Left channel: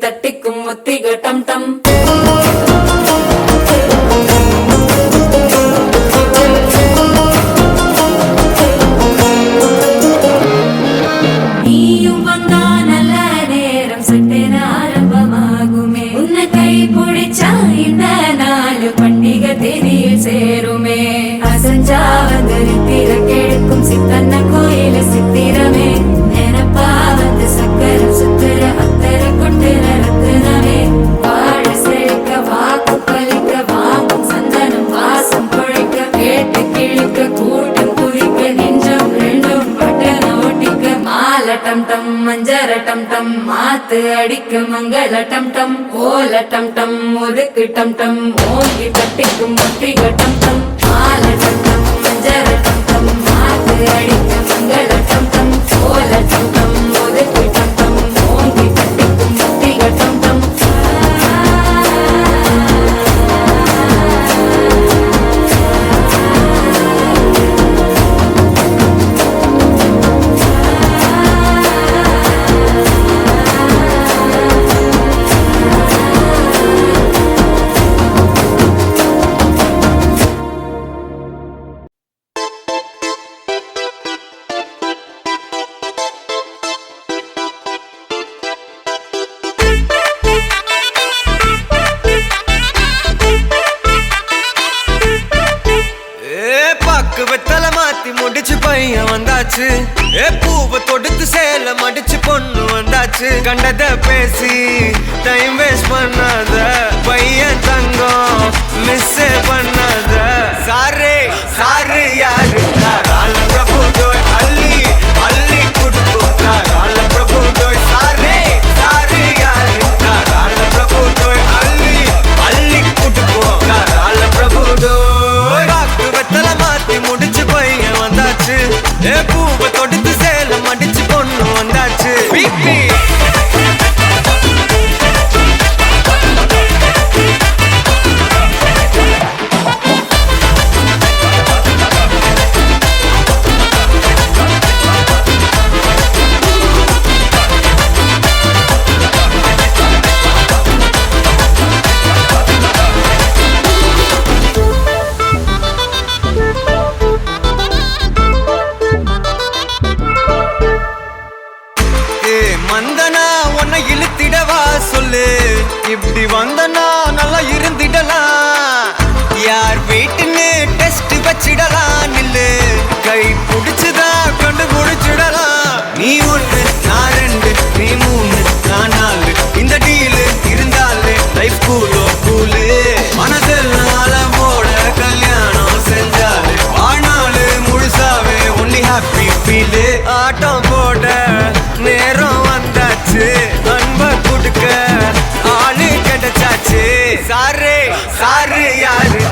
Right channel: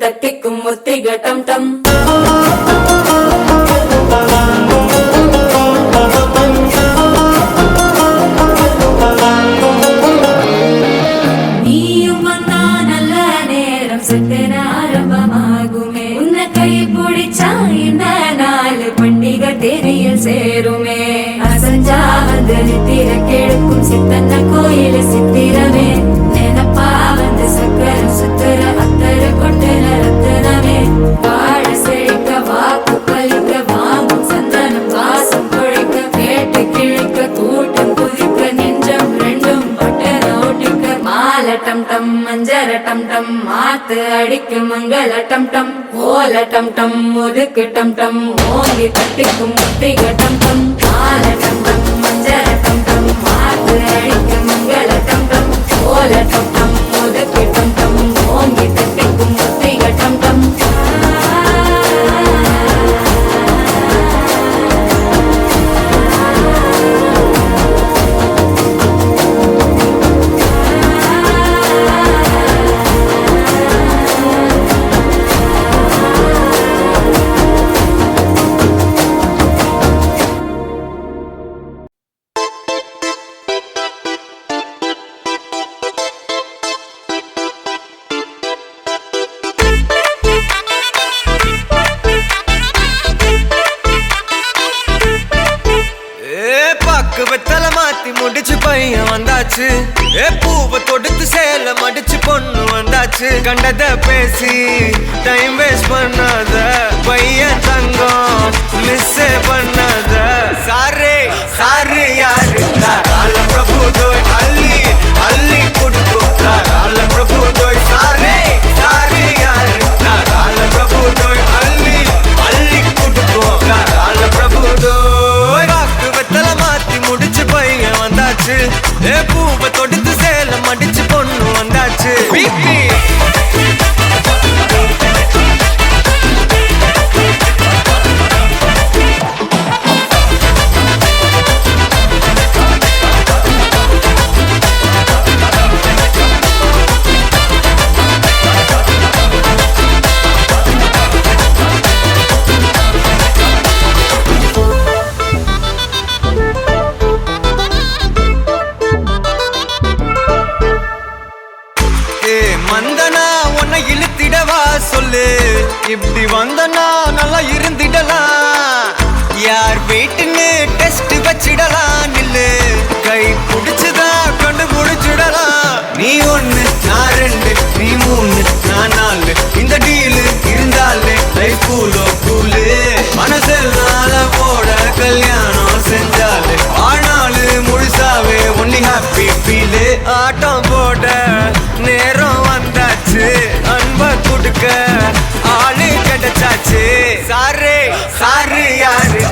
தட்டிக்கும் முத்திக டம் டம் நீயும் வந்தா நல்ல நேரம் சட்டென ஆரம்பமாகுமே உன்னை கை பிடிச்சா இந்த நாள் பண்டிகை தேனியில் சேருமே அசஞ்சா வந்து நித்திர கெடுக்கும் சித்தன்ன கோயில சித்திரமே நினப்பா வந்து சக்கர சுத்திர அத்தர கொண்டு நடத்துனவே வாழ செழிக்க வாக்கு பலிக்க வாங்கும் சந்தனம் வாசம் குழைக்க கேட்டு கிழிக்க கூட்டம் குதிக்க நெஞ்சம் ரெண்டும் பட்டன ஒட்டிக்க மால டம் டம் மஞ்சர டம் டம் மாத்து அடிக்க மங்கள டம் டம் கோல டம் டம் ஒதுக்கு டம் டம் ஓங்கி தட்டிக்கும் முத்திக டம் டம் மால டம் டம் மஞ்சர டம் டம் மாத்து அடிக்க மங்கள டம் டம் கோல டம் டம் ஒதுக்கு டம் டம் ஓங்கி தட்டிக்கும் முத்திக டம் டம் வெத்தல மாத்தி முடிச்சு பையன் வந்தாச்சு பூவை தொடுத்து சேல மடிச்சு பொண்ணு வந்தாச்சு கண்டத பேசி டைம் வேஸ்ட் பண்ணாத பையன் தங்கம் மிஸ் பண்ணாத சாரே சாரு யாரு கால பிரபு டோய் அள்ளி அள்ளி குடுக்கும் கால பிரபு டோய் சாரே சாரு யாரு கால பிரபு டோய் அள்ளி அள்ளி குடுக்கும் கால பிரபு டோய் பாக்கு வெத்தல மாத்தி முடிச்சு பையன் வந்தாச்சு பூவை தொடுத்து சேல மடிச்சு பொண்ணு வந்தாச்சு பிபி மந்தனா உன்னை இழுத்திடவா சொல்லு இப்படி வந்தனா நல்லா இருந்திடலாம் யார் வீட்டுன்னு டெஸ்ட் வச்சிடலாம் நில்லு கை பிடிச்சுதா கண்டு முடிச்சிடலாம் நீ ஒண்ணு நான் ரெண்டு நீ மூணு நான் நாலு இந்த டீலு இருந்தாலே லைஃப் கூலோ கூலு மனசெல்லாம் போட கல்யாணம் செஞ்சாலே ஆனாலு முழுசாவே ஒன்லி ஹாப்பி ஃபீலு ஆட்டம் போட நேரம் வந்தாச்சு அன்ப கொடுக்க ஆளு கிடைச்சாச்சு சாரு சாரு யாரு